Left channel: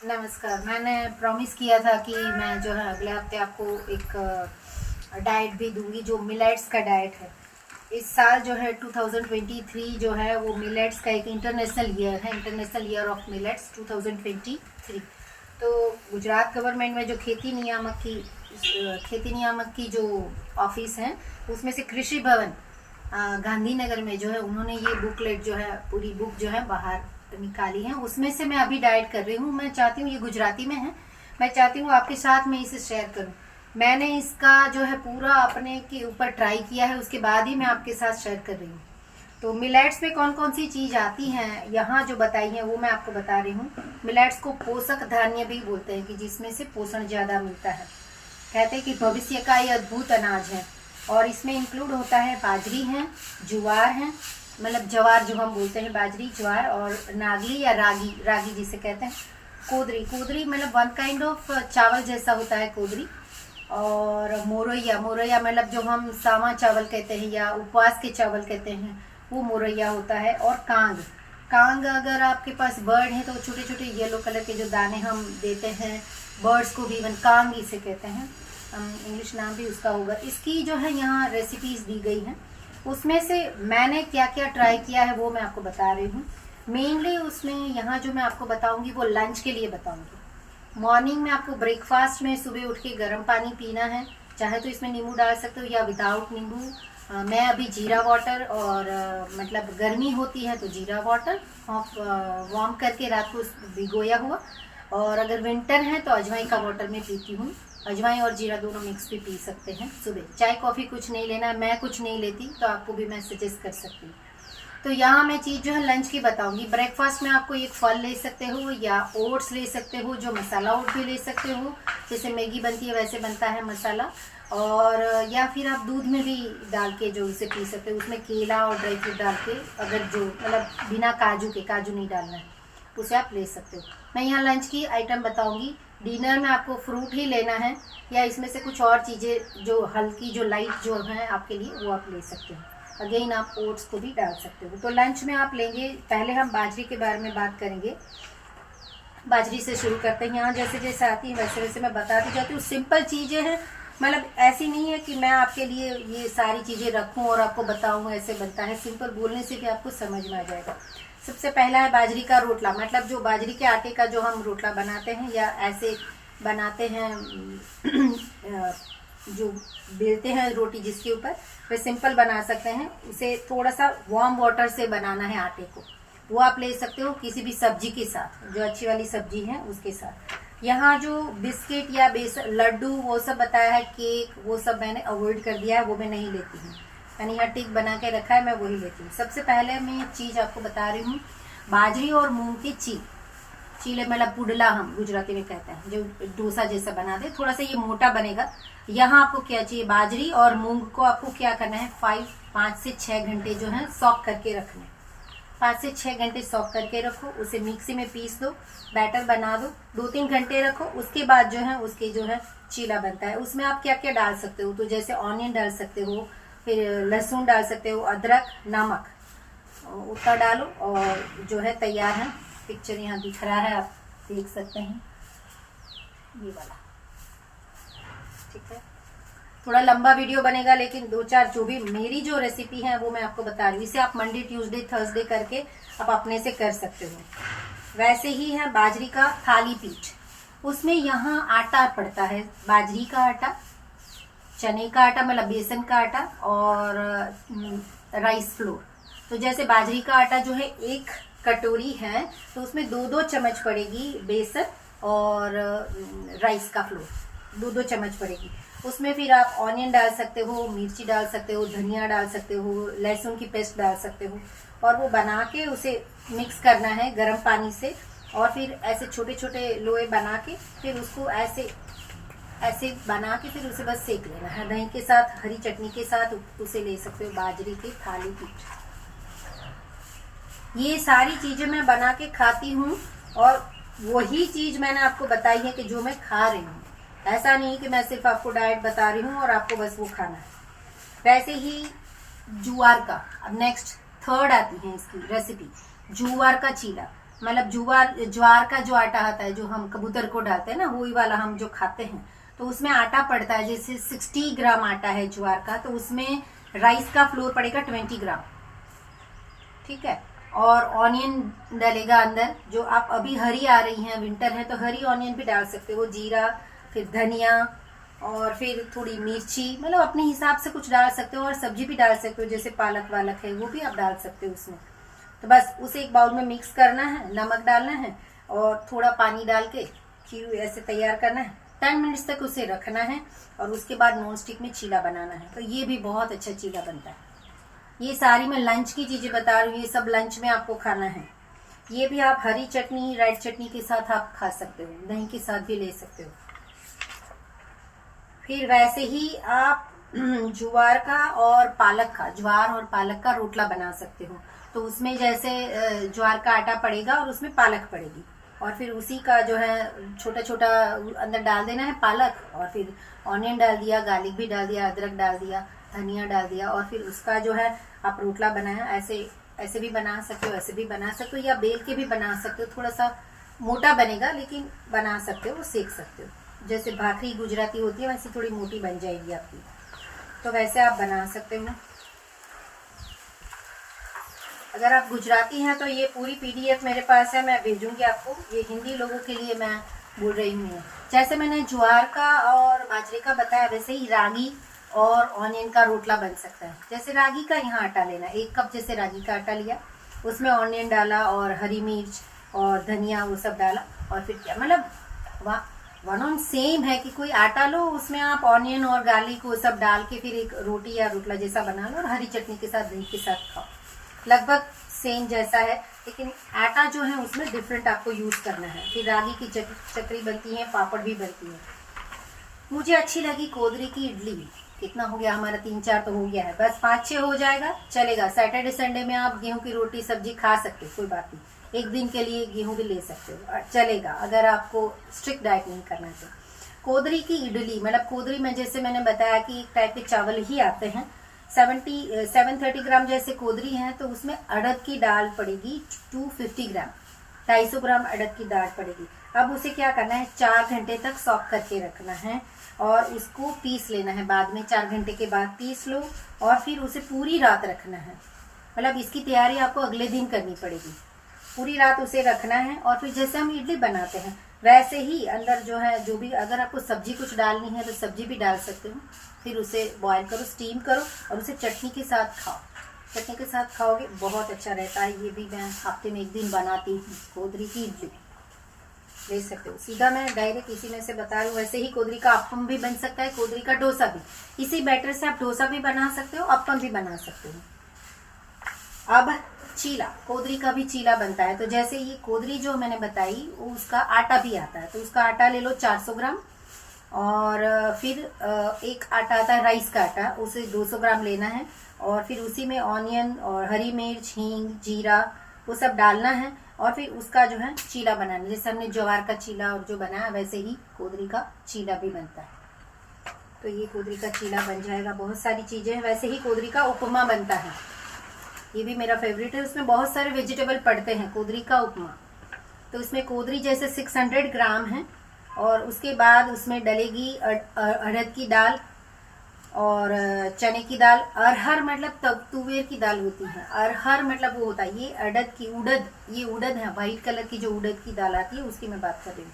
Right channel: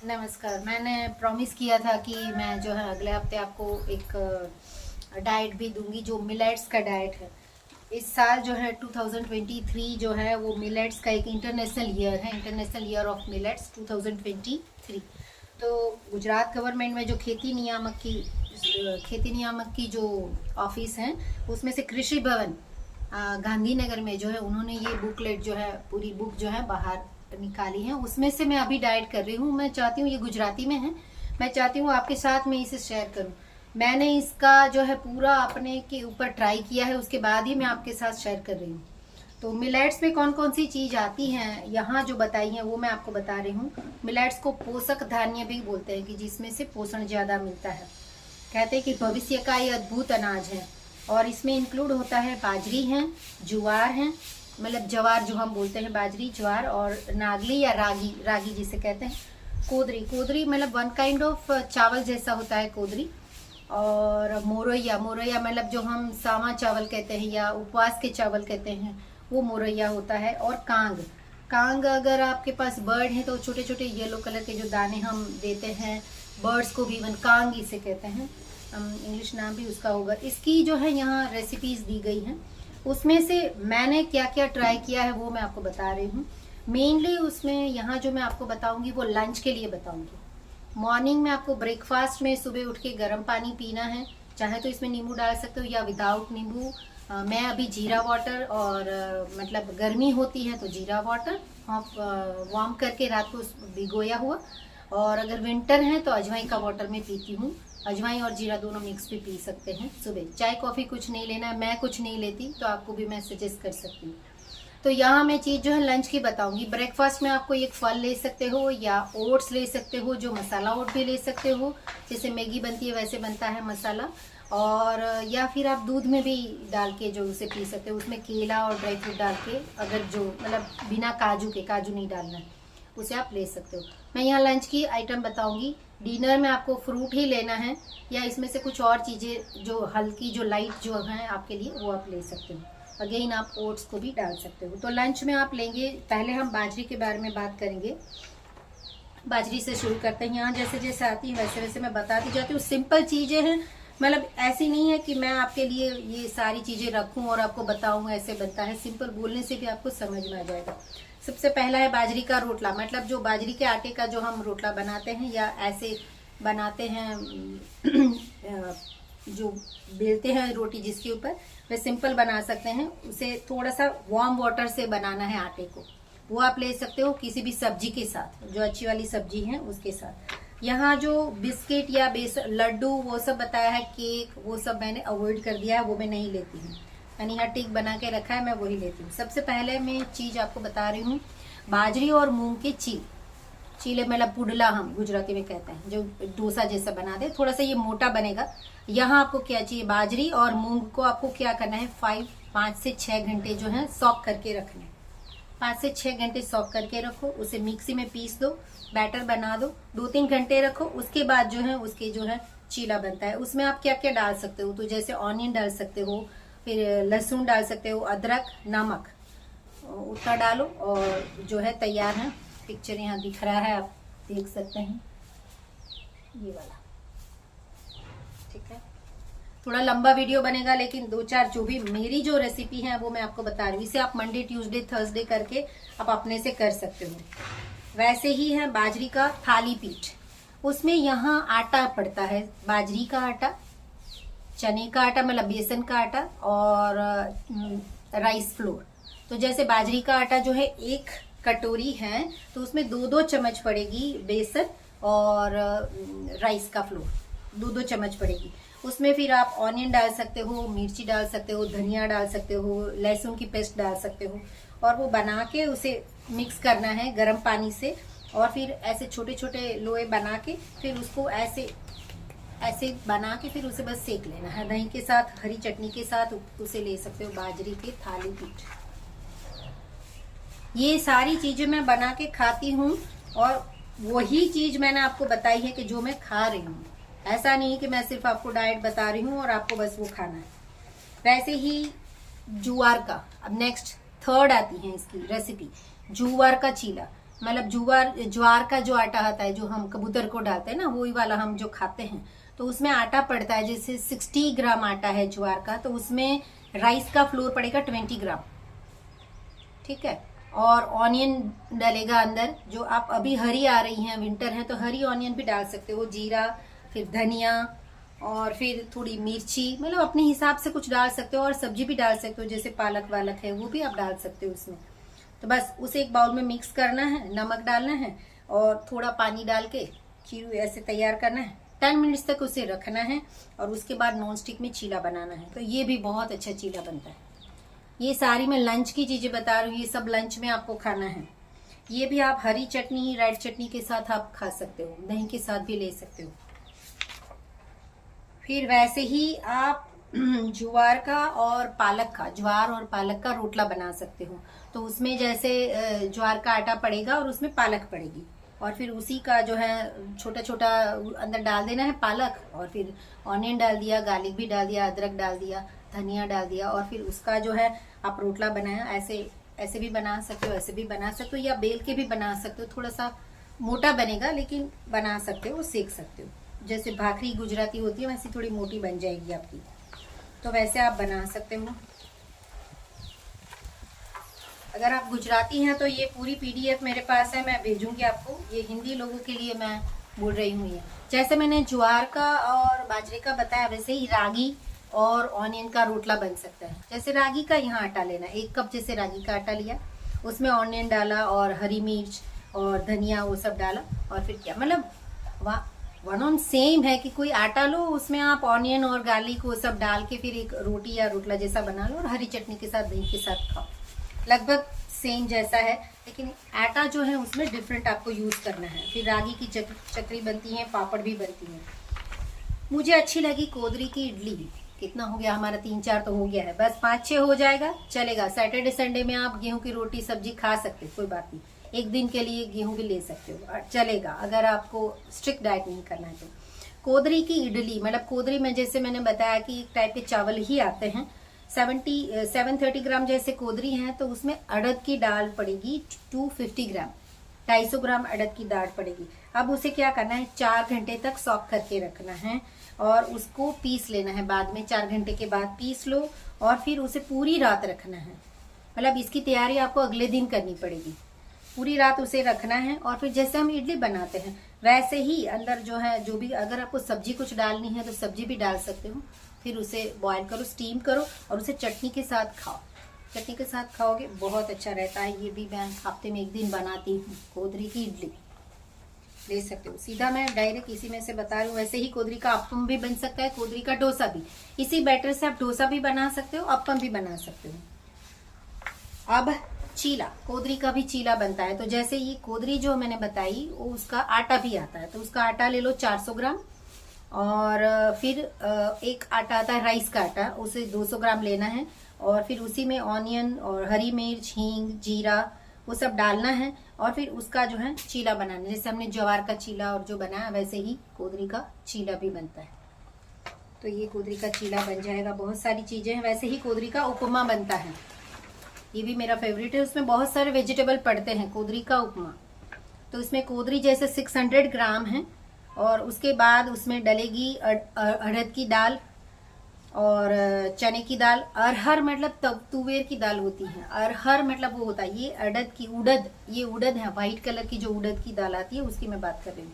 नमस्कार। मैंने प्रॉमिस किया था कि मैं जो है अगले हफ्ते आपको एक डाइट भी दूंगी जो मिलेट्स का डाइट है। इस साल जो है 2023 जो है वो मिलेट्स का एक इंटरनेशनल ईयर है, इंटरनेशनल ईयर ऑफ मिलेट्स 2023। तो गुजरात गवर्नमेंट में जो खेती नियामक की जो ऑफिस हैं उसमें से कृषि भवन गांधीनगर में जो है उन्होंने ये बुकलेट जो है पूरी बुक जो है बाहर निकाली है। उसमें से मैं अभी डाइट कर रही हूँ। मैं चाहती हूँ, ये गुजराती में है, मैं चाहती हूँ आपके साथ में इसे शेयर करूँ। मैंने इसका जो है पूरा अपने के ऊपर ट्राई किया है, उसके बाद ही मैं आपके साथ शेयर कर रही हूँ। तो मिलेट्स में कौन कौन सी चीज़ आती हैं यहाँ जो बताई हैं वो मैं आपको बता रही हूँ। मिलेट्स को पोषक धान्य भी बोलते हैं कि जिसमें से पोषण ज़्यादा मिलता है। कहते हैं कि भविष्य का ये अद्भुत अनाज है और इसमें इंक्लूड होता है बाजरी है, ज्वार है, मतलब जवार जो हम बोलते हैं, बाजरी ज्वार, और नागली या रागी, रागी जिसे कहते हैं, कोदरी, कोदरी मतलब वन काइंड ऑफ चावल जैसा होता है कोदरी, और मोरैया, मोरैया मतलब जो हम सावा चावल कहते हैं या उपवास के चावल कहते हैं वो मोरैया होता है, और कांग, कांग अगर आपके पास बर्ड है तो छोटे छोटे येलो कलर के जो दाने हम देते हैं बर्ड्स को भी इवन कांग इसे कहते हैं, इंग्लिश नाम भी उसका होगा। इसकी जो है यहाँ रेसिपीज दी गई हैं, उसमें से मैंने क्या क्या ट्राई किया है वो मैं आपको बता रही हूँ। मेनली उसमें यहाँ जो मैं आपको बताऊंगी वो लंच के लिए बताऊंगी। मॉर्निंग में आपको ब्रेकफास्ट में सुबह उठ के गर्म पानी पीना है, चाहे तो इसमें नींबू डाल सकते हो या विदाउट नींबू। मैं अभी जीरा वाटर और मतलब गर्मी होती है तो जीरा वाटर वार्म करके रात को भिगोया हुआ, और अगर विंटर है तो अजवाइन का वाटर में पीती हूँ। अजवाइन और जीरा दोनों मिक्स भी पी सकते हैं सुबह। चाय कॉफ़ी कुछ नहीं लेना, मैं कुछ नहीं लेती तो आपको भी मैं सजेस्ट कर सकती हूँ। तो यहाँ मैं चीज़ जो है लंच की बताऊंगी। ब्रेकफास्ट में आपको एक फल ले सकते हो या ओट्स ले सकते हो, जो मसाला ओट भी ले सकते हो, जैसे मैगी बनती है वैसे बनता है मसाला, और या फिर आप दूध में भी डाल के जो उसे पी सकते हो, उसमें केला और ड्राई फ्रूट डाल के, अगर जो मतलब बिना काजू के, काजू नहीं डालना है, उसे आप ले सकते हो। मैं यहाँ लंच की आइटम बताऊंगी। डिनर में आपको फ्रूट ही लेना है या इसमें से कुछ और चीज़ें जो हल्की जो लाइट जो हैं आपके लिए वो आप ले सकते हो। अगेन आप ओट्स को भी डाल सकते हो। तो लंच में आप लेंगे, पहले हम बाजरी के बारे में बात करेंगे। बाजरी से शुरू करते हैं। यहाँ जैसे जैसे आती है वैसे वैसे मैं बताती जाती हूँ। सिंपल चीज़ें हैं, मतलब ऐसी नहीं है कि मैं आपके लिए ये सारी चीज़ें रखूँ और आपको बताऊँ ऐसे बनता है। सिंपल बोलने से भी आपको समझ में आ जाएगा। सबसे पहला है बाजरी का रोटला, मतलब जो बाजरी के आटे का जो हम रोटला बनाते हैं या ऐसे बनाते हैं जो बेलते हैं रोटी जिसके ऊपर, वे सिंपल बना सकते हैं। उसे थोड़ा सा वार्म वाटर से बनाना है आटे को, वो आप ले सकते हो किसी भी सब्जी के साथ, जो अच्छी वाली सब्जी है उसके साथ। यहाँ जो बिस्किट या बेसन लड्डू वो सब बताया है, केक, वो सब मैंने अवॉइड कर दिया है, वो मैं नहीं लेती हूँ। मैंने यहाँ टिक बना के रखा है, मैं वही लेती हूँ। सबसे पहले मैं चीज़ आपको बता रही हूँ, बाजरी और मूंग के चीले मतलब पुडला हम गुजराती में कहते हैं, जो डोसा जैसा बना दे, थोड़ा सा ये मोटा बनेगा। यहाँ आपको क्या चाहिए, बाजरी और मूंग को आपको क्या करना है, 5 से 6 घंटे जो है सॉक करके रखने। 5 से 6 घंटे सॉक करके रखो, उसे मिक्सी में पीस दो, बैटर बना दो, 2-3 घंटे रखो। उसके बाद जो है उसके जो है चीला बनता है। उसमें आप क्या क्या डाल सकते हो, तो जैसे ऑनियन डाल सकते हो, फिर लहसुन डाल सकते हो, अदरक, नमक, उतना डालो और जो है तैयार है। पिक्चर यहाँ दिख रहा है, आप देख सकते हैं, ये वाला, ठीक है। थोड़ा लंबा वीडियो बनेगा लेकिन 2-4 जो भी मेरी जो रेसिपी है वो मैं आपको बता रही हूँ। इसे आप मंडे, ट्यूसडे, थर्सडे करके आप अपने से कर सकते हो। वैसे ही है बाजरी का थाली पीठ, उसमें यहाँ आटा पड़ता है, बाजरी का आटा, चने का आटा मतलब बेसन का आटा, और राइस फ्लोर। तो जैसे बाजरी का आटा जो है 1 कटोरी है तो उसमें 2-2 चम्मच पड़ेगी बेसन, और राइस का फ्लोर 2-2 चम्मच पड़ेगी। उसमें फिर आप ऑनियन डाल सकते हो, मिर्ची डाल सकते हो, धनिया डाल सकते हो, लहसुन की पेस्ट डाल सकते हो, और वो बना के उसे मिक्स करना है गर्म पानी से। और फिर ऐसे छोटे छोटे लोए बना के फिर उसको ऐसे ऐसे बना के फिर उसे बस सेक लेना है, दही के साथ, हरी चटनी के साथ उसे ले सकते हो, बाजरी की थाली पीठ। ये सारी चीजें मैं बना के खाती हूँ, और वही चीज मैंने आपको बताई है कि जो मैं खा रही हूँ। ऐसा नहीं कि मैं सिर्फ आपको डाइट बता रही हूँ और आपको बस वो खाना है। वैसे ही ज्वार का, अब नेक्स्ट थर्ड आती है इसकी रेसिपी, ज्वार का चीला। मतलब ज्वार का जो आटा आता है जो हम कबूतर को डालते हैं ना, वही वाला हम जो खाते हैं, तो उसमें आटा पड़ता है। जैसे 60 ग्राम आटा है ज्वार का, तो उसमें राइस का फ्लोर पड़ेगा 20 ग्राम, ठीक है। और ऑनियन डालेगा अंदर, जो आप अभी हरी आ रही हैं, विंटर है तो हरी ऑनियन भी डाल सकते हो, जीरा, फिर धनिया, और फिर थोड़ी मिर्ची, मतलब अपने हिसाब से कुछ डाल सकते हो। और सब्जी भी डाल सकते हो, जैसे पालक वालक है वो भी आप डाल सकते हो उसमें। तो बस उसे एक बाउल में मिक्स करना है, नमक डालना है और थोड़ा पानी डाल के खीर ऐसे तैयार करना है। 10 मिनट्स तक उसे रखना है और उसके बाद नॉन स्टिक में चीला बनाना है। तो ये भी बहुत अच्छा चीला बनता है। ये सारी मैं लंच की चीजें बता रही हूँ, ये सब लंच में आपको खाना है। ये भी आप हरी चटनी, रेड चटनी के साथ आप खा सकते हो, दही के साथ भी ले सकते हो। फिर वैसे ही आप ज्वार का और पालक का, ज्वार और पालक का रोटला बना सकते हो। तो उसमें जैसे ज्वार का आटा पड़ेगा और उसमें पालक पड़ेगी, और फिर उसी का जो है छोटा छोटा अंदर डाल देना है पालक, और फिर ऑनियन डाल दिया, गार्लिक भी डाल दिया, अदरक डाल दिया, धनिया डाल दिया, और फिर उसका जो है आप रोटला बनाया। ऐसे ऐसे भी बना सकते हो, ऐसे भी बना सकते हो, या बेल के भी बना सकते हो। थोड़ा सा मोटा बनेगा लेकिन बना सकते हो, सेक सकते हो। जैसे भाखरी गुजराती होती है वैसे थोड़ी मोटी बन जाएगी आपकी, तो वैसे आप बना सकते हो। अगर आप गुजराती हैं तो ये पूरी PDF मेरे पास है, मैं भेजूंगी आपको। ये हिंदी लोगों के लिए मैं बोल रही हूँ। जैसे मैंने ज्वार का और बाजरे का बताया, वैसे ही रागी और ऑनियन का रोटला बन सकता है। जैसे रागी का यहाँ आटा लेना, 1 कप जैसे रागी का आटा लिया, उसमें ऑनियन डाला और हरी मिर्च और धनिया वो सब डाला, और फिर क्या, मतलब वन ऑन सेम है कि कोई आटा लो, उसमें आप ऑनियन और गार्लिक वो सब डाल के फिर एक रोटी या रोटला जैसा बना लो, और हरी चटनी के साथ, दही के साथ खाओ। लगभग सेम जैसा है, लेकिन आटा जो है उसमें डिफरेंट आपको यूज करना है। फिर रागी की चकरी बनती है, पापड़ भी बनती है। मुझे अच्छी लगी कोदरी की इडली। कितना हो गया हमारा, 3-4 तो हो गया है, बस 5-6 हो जाएगा, चलेगा। सैटरडे संडे में आप गेहूं की रोटी सब्जी खा सकते हो, कोई बात नहीं। एक दिन के लिए गेहूं भी ले सकते हो, चलेगा, अगर आपको स्ट्रिक्ट डाइट नहीं करना है तो। कोदरी की इडली, मतलब कोदरी में जैसे मैंने बताया कि एक टाइप के चावल ही आते हैं। 730 ग्राम जैसे कोदरी है, तो उसमें अड़द की दाल पड़ेगी 250 ग्राम, 250 ग्राम अड़द की दाल पड़ेगी। अब उसे क्या करना है, 4 घंटे तक सॉक करके रखना है, और उसको पीस लेना है। बाद में 4 घंटे के बाद पीस लो, और फिर उसे पूरी रात रखना है। मतलब इसकी तैयारी आपको अगले दिन करनी पड़ेगी। पूरी रात उसे रखना है, और फिर जैसे हम इडली बनाते हैं वैसे ही अंदर जो है, जो भी, अगर आपको सब्जी कुछ डालनी है तो सब्जी भी डाल सकते हो। फिर उसे बॉईल करो, स्टीम करो, और उसे चटनी के साथ खाओ। चटनी के साथ खाओगे बहुत अच्छा रहता है। ये भी मैं हफ्ते में 1 दिन बनाती हूँ, कोदरी की इडली ले सकते हो। सीधा मैं डायरेक्ट इसी में से बता रही हूँ। वैसे ही कोदरी का अप्पम भी बन सकता है, कोदरी का डोसा भी। इसी बैटर से आप डोसा भी बना सकते हो, अप्पम भी बना सकते हो। अब चीला, कोदरी का भी चीला बनता है। तो जैसे ये कोदरी जो मैंने बताई, वो उसका आटा भी आता है। तो उसका आटा ले लो 400 ग्राम, और फिर एक आटा आता है राइस का आटा, उसे 200 ग्राम लेना है, और फिर उसी में ऑनियन और हरी मिर्च, हींग, जीरा वो सब डालना है, और फिर उसका जो है चीला बनाना। जैसे हमने ज्वार का चीला और जो बनाया, वैसे ही कोदरी का चीला भी बनता है। तो ये कोदरी का चीला बन जाएगा। बहुत सारी चीजें हैं। वैसे ही कोदरी का उपमा बनता है, ये भी मेरा फेवरेट है। उसमें बहुत सारे वेजिटेबल पड़ते हैं, कोदरी का उपमा। तो इसमें कोदरी जैसे 600 ग्राम है, और उसके बाद उसमें डलेगी अड़द की दाल और चने की दाल। अरहर मतलब तब तुवेर की दाल होती है, अरहर मतलब वो होता है, ये अड़द की, उड़द, ये उड़द है, व्हाइट कलर की जो उड़द की दाल आती है उसकी मैं बात कर रही हूँ।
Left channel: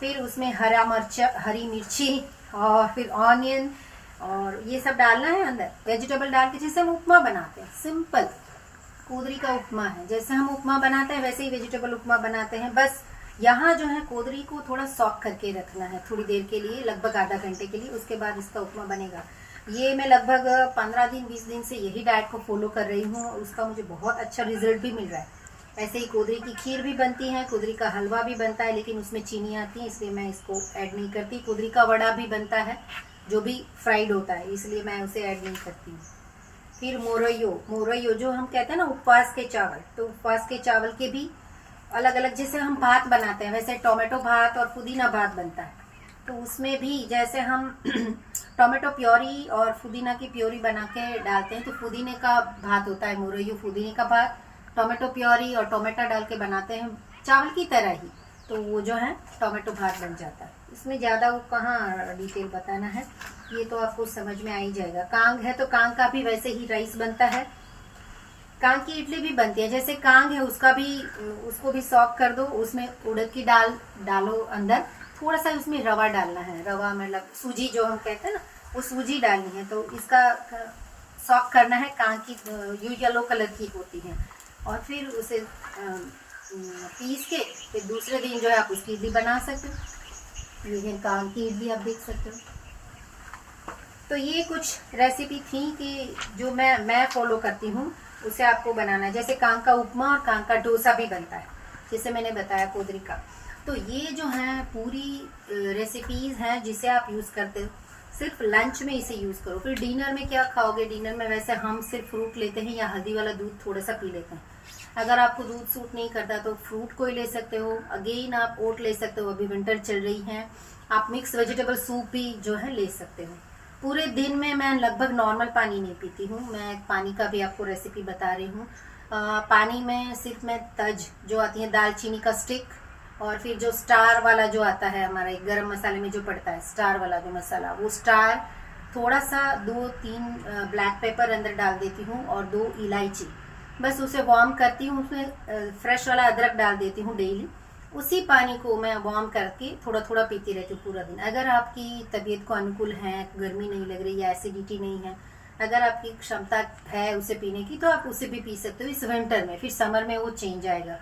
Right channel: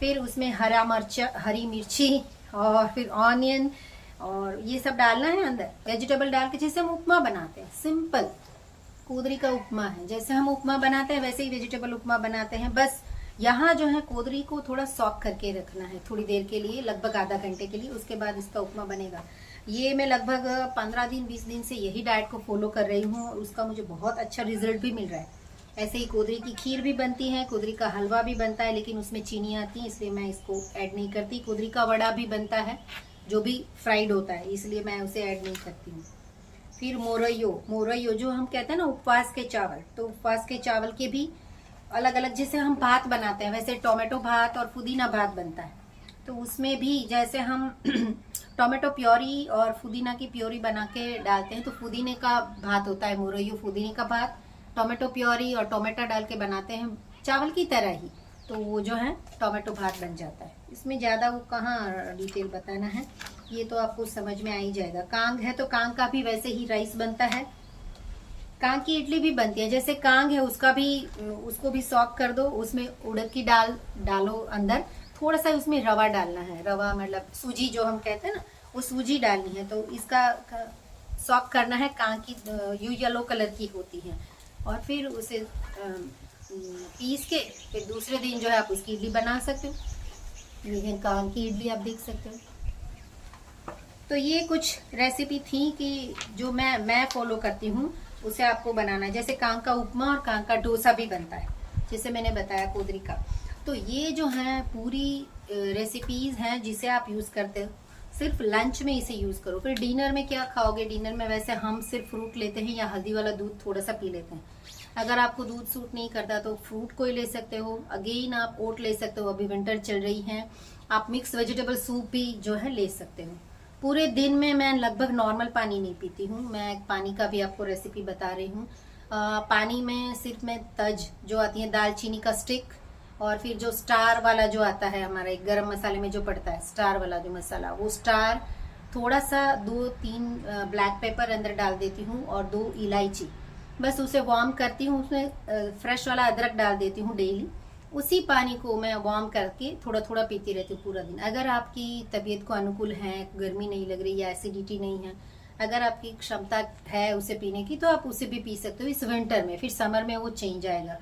फिर उसमें हरी मिर्ची, और फिर ऑनियन, और ये सब डालना है अंदर, वेजिटेबल डाल के, जैसे हम उपमा बनाते हैं। सिंपल कोदरी का उपमा है, जैसे हम उपमा बनाते हैं वैसे ही वेजिटेबल उपमा बनाते हैं। बस यहाँ जो है कोदरी को थोड़ा सॉक करके रखना है थोड़ी देर के लिए, लगभग आधा घंटे के लिए, उसके बाद इसका उपमा बनेगा। ये मैं लगभग 15 दिन 20 दिन से यही डाइट को फॉलो कर रही हूँ, और उसका मुझे बहुत अच्छा रिजल्ट भी मिल रहा है। ऐसे ही कोदरी की खीर भी बनती है, कोदरी का हलवा भी बनता है, लेकिन उसमें चीनी आती है इसलिए मैं इसको ऐड नहीं करती। कोदरी का वड़ा भी बनता है जो भी फ्राइड होता है, इसलिए मैं उसे ऐड नहीं करती हूँ। फिर मोरैयो जो हम कहते हैं ना उपवास के चावल, तो उपवास के चावल के भी अलग अलग, जैसे हम भात बनाते हैं वैसे टोमेटो भात और पुदीना भात बनता है। तो उसमें भी जैसे हम टोमेटो प्योरी और पुदीना की प्योरी बना के डालते हैं, तो पुदीने का भात होता है मोरैयो, पुदीने का भात। टोमेटो प्योरी और टोमेटो डाल के बनाते हैं चावल की तरह ही, तो वो जो है टोमेटो भात बन जाता है। इसमें ज़्यादा वो कहाँ डिटेल बताना है, ये तो आपको समझ में आ ही जाएगा। कांग है तो कांग का भी वैसे ही राइस बनता है, कांग की इडली भी बनती है। जैसे कांग है उसको भी सॉक कर दो, उसमें उड़द की दाल डालो अंदर, थोड़ा सा उसमें रवा डालना है, रवा मतलब सूजी जो हम कहते हैं ना, वो सूजी डालनी है। तो इसका सॉक करना है। कांग की यू येलो कलर की होती है, और फिर उसे पीस के फिर दूसरे दिन जो है आप उसकी इडली बना सकते हो। ये कांग की इडली आप देख सकते हो। तो ये कुछ रेसिपी थी कि जो मैं फॉलो करती हूँ, उसे आपको बनाना है। जैसे कांग का उपमा और कांग का डोसा भी बनता है, जैसे मैंने बताया कोदरी का। तो ये जो है पूरी रेसिपीज हैं जिसे आप यूज़ करते हो। सिर्फ लंच में इसे यूज़ करो, फिर डिनर में क्या खाओगे? डिनर में वैसे हम सिर्फ फ्रूट लेते हैं या हल्दी वाला दूध थोड़ा सा पी लेते हैं। अगर आपको दूध सूट नहीं करता तो फ्रूट कोई ले सकते हो। अगेन आप ओट ले सकते हो, अभी विंटर चल रही है। आप मिक्स वेजिटेबल सूप भी जो है ले सकते हो। पूरे दिन में मैं लगभग नॉर्मल पानी नहीं पीती हूँ। मैं पानी का भी आपको रेसिपी बता रही हूँ। पानी में सिर्फ मैं तज जो आती है, दालचीनी का स्टिक, और फिर जो स्टार वाला जो आता है हमारा एक गरम मसाले में जो पड़ता है, स्टार वाला जो मसाला, वो स्टार, थोड़ा सा 2-3 ब्लैक पेपर अंदर डाल देती हूँ और 2 इलायची, बस उसे वार्म करती हूँ। उसमें फ्रेश वाला अदरक डाल देती हूँ डेली। उसी पानी को मैं वार्म करके थोड़ा थोड़ा पीती रहती हूँ पूरा दिन। अगर आपकी तबीयत को अनुकूल है, गर्मी नहीं लग रही या एसिडिटी नहीं है, अगर आपकी क्षमता है उसे पीने की, तो आप उसे भी पी सकते हो इस विंटर में। फिर समर में वो चेंज आएगा।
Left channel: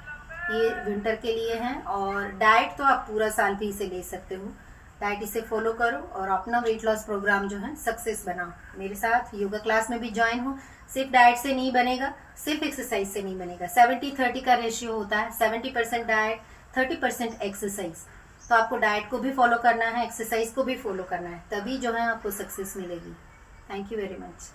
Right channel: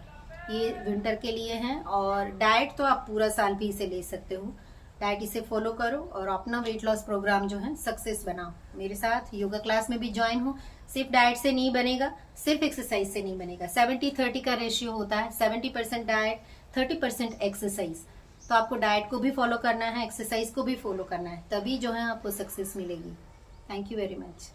ये विंटर के लिए है। और डाइट तो आप पूरा साल भी इसे ले सकते हो। डाइट इसे फॉलो करो और अपना वेट लॉस प्रोग्राम जो है सक्सेस बनाओ। मेरे साथ योगा क्लास में भी ज्वाइन हो। सिर्फ डाइट से नहीं बनेगा, सिर्फ एक्सरसाइज से नहीं बनेगा। 70-30 का रेशियो होता है, 70% डाइट, 30% एक्सरसाइज। तो आपको डाइट को भी फॉलो करना है, एक्सरसाइज को भी फॉलो करना है, तभी जो है आपको सक्सेस मिलेगी। Thank you very much.